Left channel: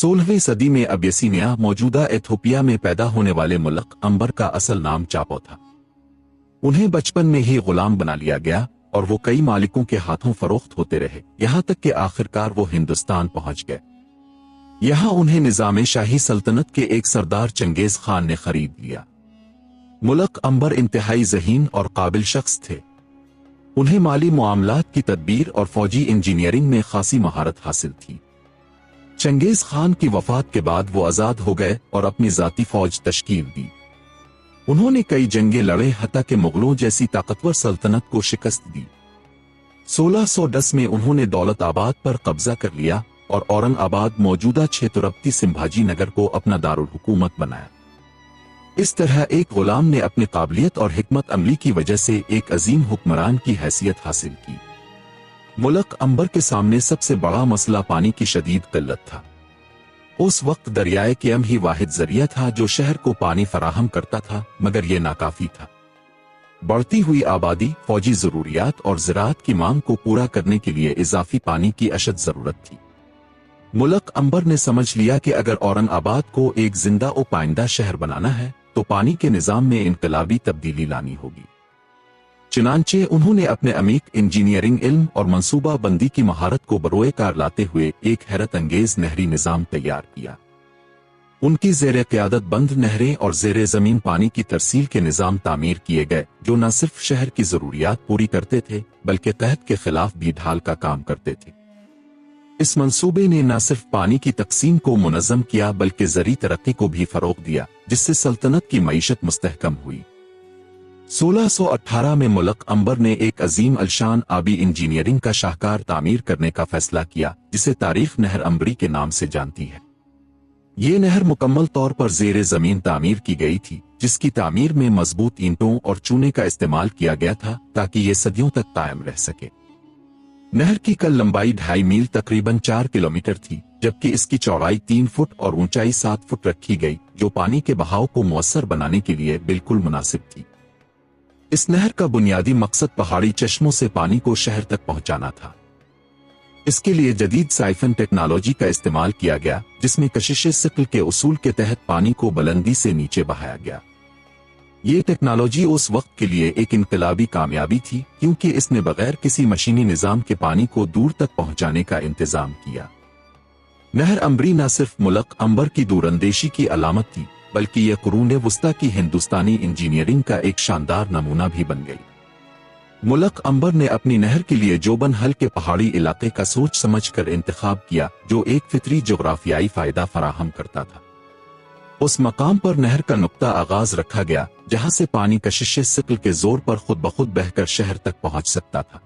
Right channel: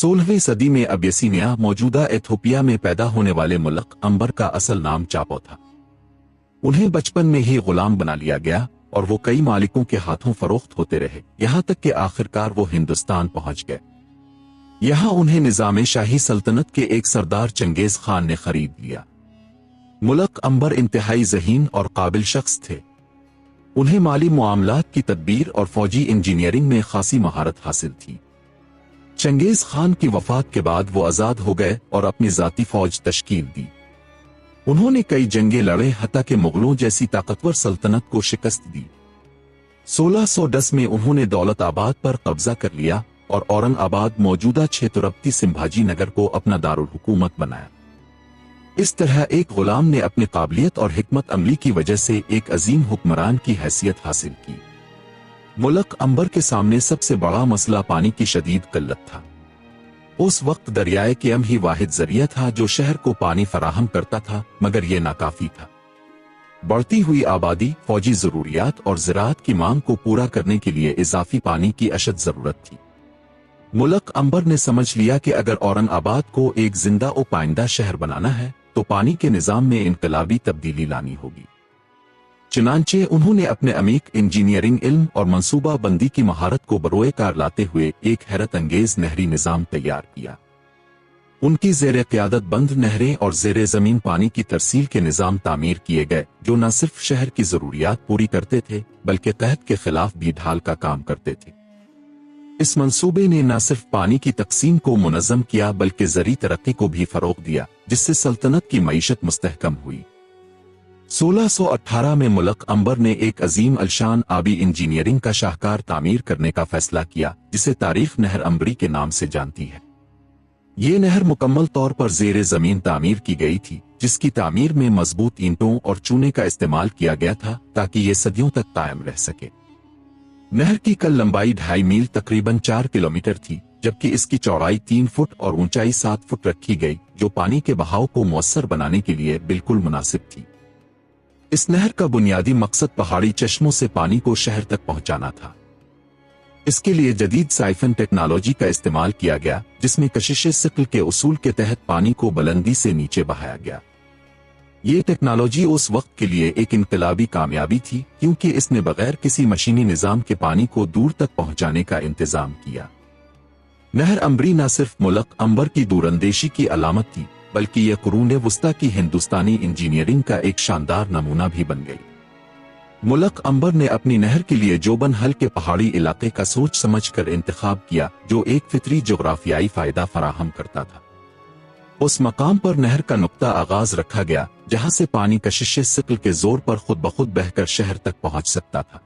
16वीं सदी में अबिसिनिया मौजूदा एथोपिया में पैदा होने वाले मुल्क अंबर का असल नाम चापो था। उन्हें बचपन में ही गुलाम बना लिया गया और वो कई मालिकों के हाथों फरोख्त होते रहे, यहाँ तक कि आखिरकार वो हिंदुस्तान पहुंच गए। यहाँ उन्हें निजाम शाही सल्तनत के एक सरदार चंगेज खान ने खरीद लिया। मुल्क अंबर इंतहाई ज़हीन और काबिल शख्स थे। उन्हें माली मामलात की तदबीर और फौजी इंजीनियरिंग में खासी महारत हासिल थी। चंगेज खान की वफात के बाद वो आजाद हो गए और अपनी जाती फौज तश्कील दी। उन्होंने कई जंगें लड़े, हत्ता के मुगलों जैसी ताकतवर सल्तनत को शिकस्त दी। 1610 में उन्होंने दौलताबाद पर कब्जा कर लिया और औरंगाबाद मौजूदा क्षेत्रपति संभाजी नगर को अपना दारुल हुकूमत बनाया। इस तरह एक गुलाम ने अपनी काबिलियत और हिकमत अमली की वजह से एक अजीम हुक्मरान की हैसियत हासिल की। मुल्क अंबर के सामने सबसे बड़ा मसला पानी की शदीद किल्लत था। उस वक्त दरियाए केम ही वाहिद जरिया था जो शहर को पानी फराहम करता था, मगर यह नाकाफी था। बढ़ती हुई आबादी, फौजी जरूरियात और ज़राअत की मांग को पूरा करने के लिए इजाफी पानी की अशद जरूरत थी। मुल्क अंबर ने समझ लिया कि अगर औरंगाबाद को एक जिंदा और पाइंदा शहर बनाना है तो पानी के निजाम में इनकलाबी तब्दीली लानी होगी। चुनांचे उन्होंने अपने अमीक इंजीनियरिंग इल्म और मंसूबा बंदी की महारत को बरोए कार लाते हुए एक हैरत अंगेज नहरी निजाम तैयार किया। उनकी ज़ेरे क़यादत बंद नहरें और ज़ेरे ज़मीन पानी की तरसील के निजाम तामीर किए गए, जो न सिर्फ शहर की ज़रूरियात पूरी करते थे बल्कि कहत के खिलाफ भी ढाल का काम करते थे। इस मंसूबे ने न सिर्फ पानी की तकसीम को मुनज़्ज़म किया बल्कि ज़री तरक्की को भी फ़रोग़ दिया, जिससे सल्तनत की मईशत मुस्तहकम हुई। 1618 में मुल्क अंबर ने एक अजीम अलशान आबी इंजीनियरिंग का शाहकार तामीर करने का फैसला किया, जिसे तारीख नहर अंबरी के नाम से जानती है। ये नहर मुकम्मल तौर पर ज़ेरे ज़मीन तामीर की गई थी, जिसकी तामीर में मजबूत ईंटों और चूने का इस्तेमाल किया गया था ताकि ये सदियों तक कायम रह सके। नहर की कुल लंबाई 2.5 मील तकरीबन 4 किलोमीटर थी, जबकि इसकी चौड़ाई 3 फुट और ऊंचाई 7 फुट रखी गई, जो पानी के बहाव को मौसर बनाने के लिए बिल्कुल मुनासिब थी। इस नहर का बुनियादी मकसद पहाड़ी चश्मों से पानी को शहर तक पहुंचाना था। इसके लिए जदीद साइफन टेक्नोलॉजी का इस्तेमाल किया गया, जिसमें कशिश सिक्ल के उसूल के तहत पानी को बुलंदी से नीचे बहाया गया। ये टेक्नोलॉजी उस वक्त के लिए एक इनकलाबी कामयाबी थी, क्योंकि इसने बगैर किसी मशीनी निजाम के पानी को दूर तक पहुंचाने का इंतजाम किया। नहर अंबरी न सिर्फ मुल्क अंबर की दूरंदेशी की अलामत थी, बल्कि यह कुरूने वुस्ता की हिंदुस्तानी इंजीनियरिंग का एक शानदार नमूना भी बन गई। मुल्क अंबर ने अपनी नहर के लिए जोबन हल के पहाड़ी इलाके का सोच समझकर इंतखाब किया, जो एक फितरी जोग्राफियाई फायदा फराहम करता था। उस मकाम पर नहर का नुक्ता आगाज रखा गया, जहां से पानी कशिश सिक्ल के जोर पर खुद ब खुद बहकर शहर तक पहुंच सकता था।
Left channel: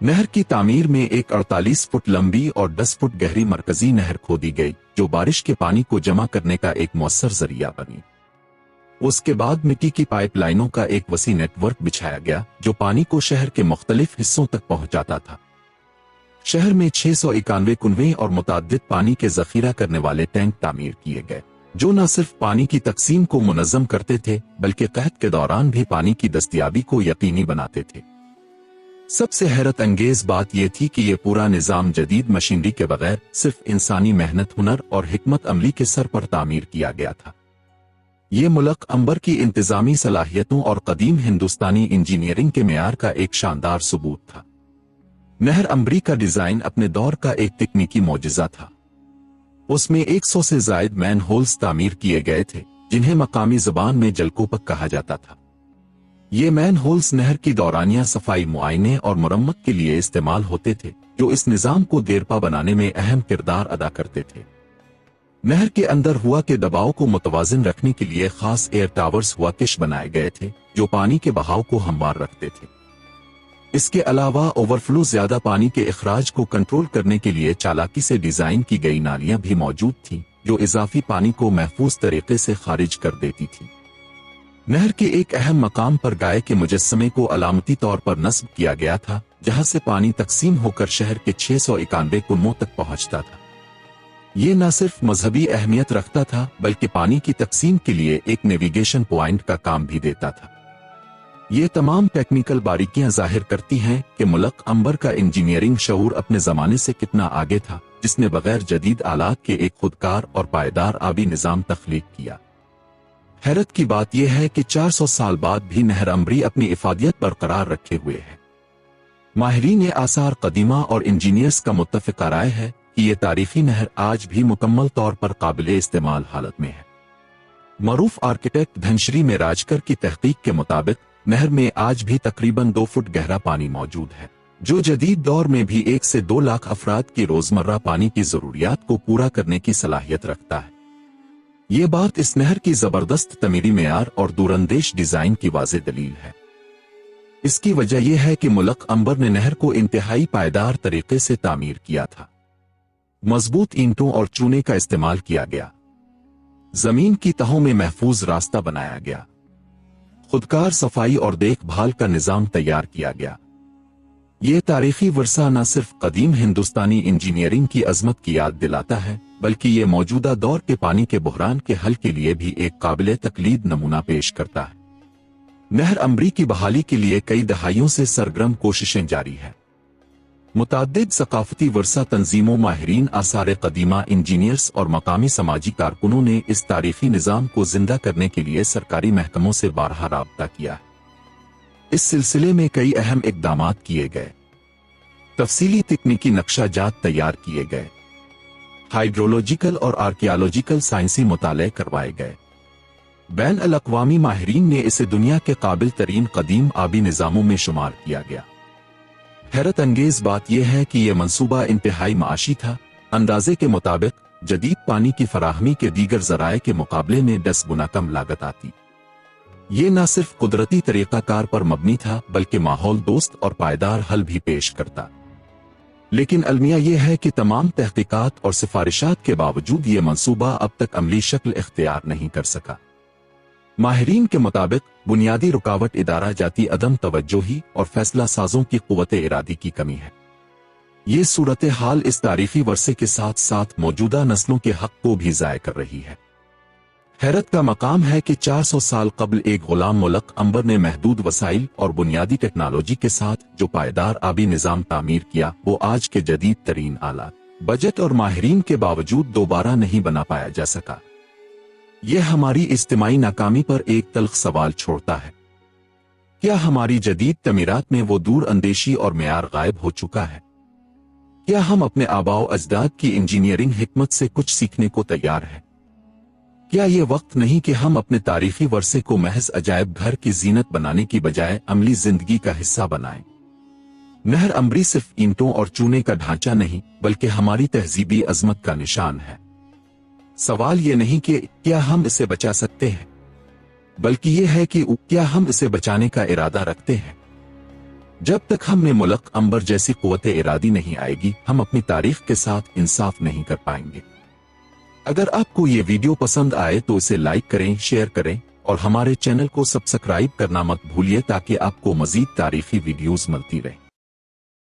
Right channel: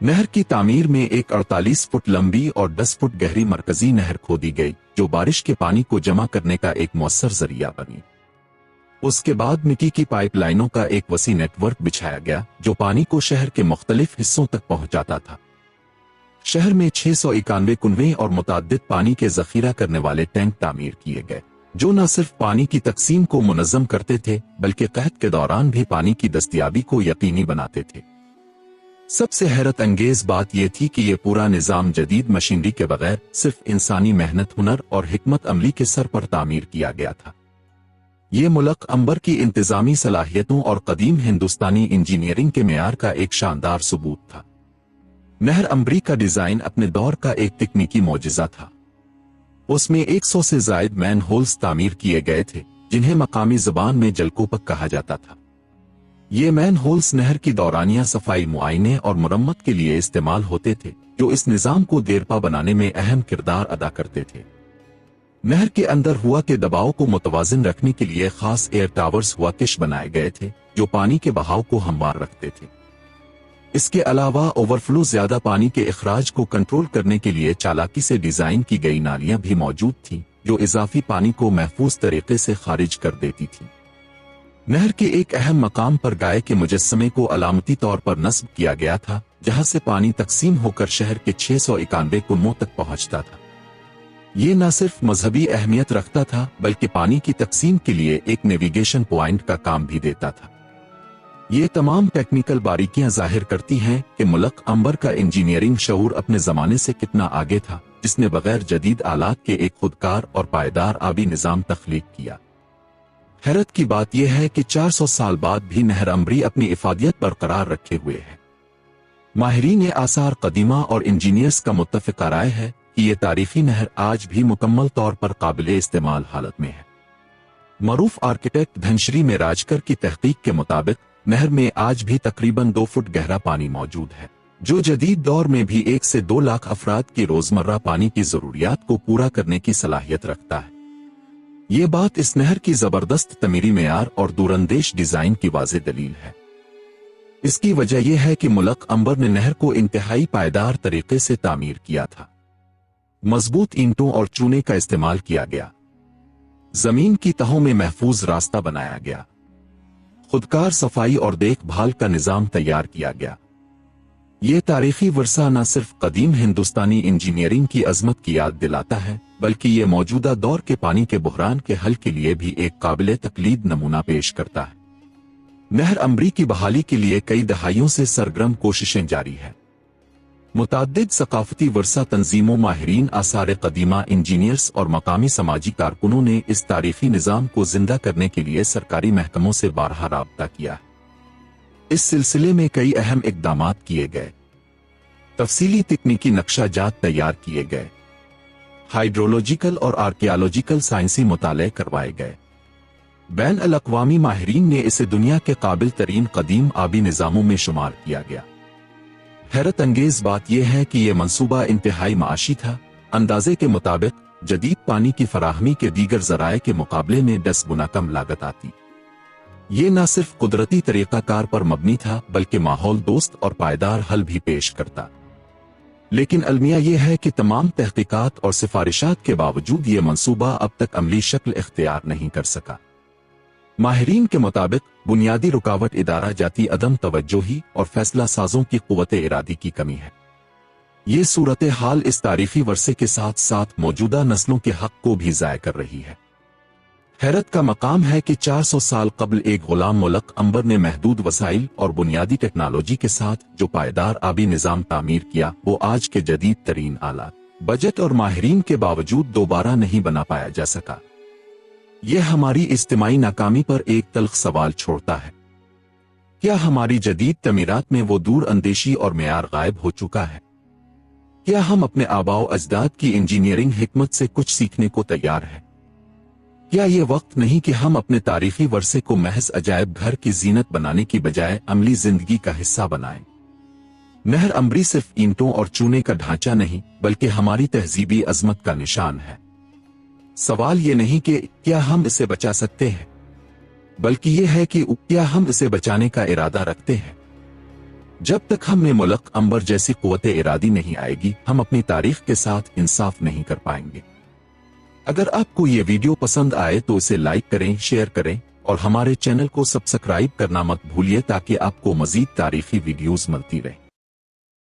नहर की तामीर में एक 48 फुट लंबी और 10 फुट गहरी मरकजी नहर खोदी गई, जो बारिश के पानी को जमा करने का एक मौसर जरिया बनी। उसके बाद मिट्टी की पाइपलाइनों का एक वसी नेटवर्क बिछाया गया, जो पानी को शहर के मुख्तलिफ हिस्सों तक पहुंचाता था। शहर में 691 कुनवे और मुताद्दिद पानी के जखीरा करने वाले टैंक तामीर किए गए, जो न सिर्फ पानी की तकसीम को मुनज़्ज़म करते थे बल्कि कहत के दौरान भी पानी की दस्तयाबी को यकीनी बनाते थे। सबसे हैरत अंगेज बात यह थी कि यह पूरा निज़ाम जदीद मशीनरी के बगैर सिर्फ इंसानी मेहनत, हुनर और हिकमत अमली के सर पर तामीर किया गया था। यह मुल्क अंबर की इंतजामी सलाहियतों और कदीम हिंदुस्तानी इंजीनियरिंग के मेयार का एक शानदार सबूत था। नहर अंबरी का डिजाइन अपने दौर का एक तकनीकी मोजिज़ा था। उसमें 100 से ज़ायद मैन होल्स तामीर किए गए थे, जिन्हें मकामी ज़बान में जलकूपक कहा जाता था। ये मैन होल्स नहर की दौरानिया सफाई, मुआयने और मरम्मत के लिए इस्तेमाल होते थे, जो इस निज़ाम को देरपा बनाने में अहम किरदार अदा करते थे। नहर के अंदर हुआ के दबाव को मुतवाज़िन रखने के लिए खास एयर टावर्स हुआ किश बनाए गए थे, जो पानी के बहाव को हमवार रखते थे। इसके अलावा ओवरफ्लो ज्यादा पानी के इखराज को कंट्रोल करने के लिए चालाकी से डिजाइन की गई नालियां भी मौजूद थीं, जो इजाफी पानी को महफूज तरीके से खारिज कर देती थी। नहर के एक अहम मकाम पर गाय के मुजस्समे को अलामती तौर पर नस्ब किया गया था, जहां से पानी तकसीम होकर शहर के 691 कुनवों तक पहुंचता था। ये न सिर्फ मजहबी अहमियत रखता था, बल्कि पानी की तकसीम के लिए एक नेविगेशन पॉइंट का काम भी देता था। یہ تمام ٹیکنیکل باریکیاں ظاہر کرتی ہیں کہ ملک عنبر کا انجینئرنگ شعور اپنے زمانے سے کتنا آگے تھا، جس نے بغیر جدید آلات کے ایک خودکار اور پائیدار آبی نظام تخلیق کیا۔ حیرت کی بات یہ ہے کہ 400 سال بعد بھی نہر عنبری اپنی افادیت برقرار رکھے ہوئے ہے۔ ماہرین آثار قدیمہ اور انجینئرز کا متفقہ رائے ہے کہ یہ تاریخی نہر آج بھی مکمل طور پر قابل استعمال حالت میں ہے۔ معروف آرکیٹیکٹ دھنشری میراجکر کی تحقیق کے مطابق نہر میں آج بھی تقریباً 2 فٹ گہرا پانی موجود ہے، جو جدید دور میں بھی 1 سے 2 لاکھ افراد کی روزمرہ پانی کی ضروریات کو پورا کرنے کی صلاحیت رکھتا ہے۔ یہ بات اس نہر کی زبردست تعمیری معیار اور دوراندیش ڈیزائن کی واضح دلیل ہے۔ اس کی وجہ یہ ہے کہ ملک عنبر نے نہر کو انتہائی پائیدار طریقے سے تعمیر کیا تھا۔ مضبوط اینٹوں اور چونے کا استعمال کیا گیا، زمین کی تہوں میں محفوظ راستہ بنایا گیا، خودکار صفائی اور دیکھ بھال کا نظام تیار کیا گیا۔ یہ تاریخی ورثہ نہ صرف قدیم ہندوستانی انجینئرنگ کی عظمت کی یاد دلاتا ہے، بلکہ یہ موجودہ دور کے پانی کے بحران کے حل کے لیے بھی ایک قابل تقلید نمونہ پیش کرتا ہے۔ نہر عنبری کی بحالی کے لیے کئی دہائیوں سے سرگرم کوششیں جاری ہیں۔ متعدد ثقافتی ورثہ تنظیموں، ماہرین آثار قدیمہ، انجینئرز اور مقامی سماجی کارکنوں نے اس تاریخی نظام کو زندہ کرنے کے لیے سرکاری محکموں سے بارہا رابطہ کیا۔ اس سلسلے میں کئی اہم اقدامات کیے گئے، تفصیلی تکنیکی نقشہ جات تیار کیے گئے، ہائیڈرولوجیکل اور آرکیالوجیکل سائنسی مطالعے کروائے گئے۔ بین الاقوامی ماہرین نے اسے دنیا کے قابل ترین قدیم آبی نظاموں میں شمار کیا گیا۔ حیرت انگیز بات یہ ہے کہ یہ منصوبہ انتہائی معاشی تھا۔ اندازے کے مطابق جدید پانی کی فراہمی کے دیگر ذرائع کے مقابلے میں 10 گنا کم لاگت آتی۔ یہ نہ صرف قدرتی طریقہ کار پر مبنی تھا بلکہ ماحول دوست اور پائیدار حل بھی پیش کرتا۔ لیکن المیہ یہ ہے کہ تمام تحقیقات اور سفارشات کے باوجود یہ منصوبہ اب تک عملی شکل اختیار نہیں کر سکا۔ ماہرین کے مطابق بنیادی رکاوٹ ادارہ جاتی عدم توجہی اور فیصلہ سازوں کی قوت ارادی کی کمی ہے۔ یہ صورتحال اس تاریخی ورثے کے ساتھ ساتھ موجودہ نسلوں کے حق کو بھی ضائع کر رہی ہے۔ حیرت کا مقام ہے کہ 400 سال قبل ایک غلام ملک عنبر نے محدود وسائل اور بنیادی ٹیکنالوجی کے ساتھ جو پائیدار آبی نظام تعمیر کیا، وہ آج کے جدید ترین آلات، بجٹ اور ماہرین کے باوجود دوبارہ نہیں بنا پایا جا سکا۔ یہ ہماری اجتماعی ناکامی پر ایک تلخ سوال چھوڑتا ہے۔ کیا ہماری جدید تعمیرات میں وہ دور اندیشی اور معیار غائب ہو چکا ہے؟ کیا ہم اپنے آباء و اجداد کی انجینئرنگ حکمت سے کچھ سیکھنے کو تیار ہیں؟ کیا یہ وقت نہیں کہ ہم اپنے تاریخی ورثے کو محض عجائب گھر کی زینت بنانے کی بجائے عملی زندگی کا حصہ بنائیں؟ نہر عنبری صرف اینٹوں اور چونے کا ڈھانچہ نہیں بلکہ ہماری تہذیبی عظمت کا نشان ہے۔ سوال یہ نہیں کہ کیا ہم اسے بچا سکتے ہیں، بلکہ یہ ہے کہ کیا ہم اسے بچانے کا ارادہ رکھتے ہیں۔ جب تک ہم نے ملک عنبر جیسی قوت ارادی نہیں آئے گی، ہم اپنی تاریخ کے ساتھ انصاف نہیں کر پائیں گے۔ اگر آپ کو یہ ویڈیو پسند آئے تو اسے لائک کریں، شیئر کریں اور ہمارے چینل کو سبسکرائب کرنا مت بھولیے تاکہ آپ کو مزید تاریخی ویڈیوز ملتی رہیں۔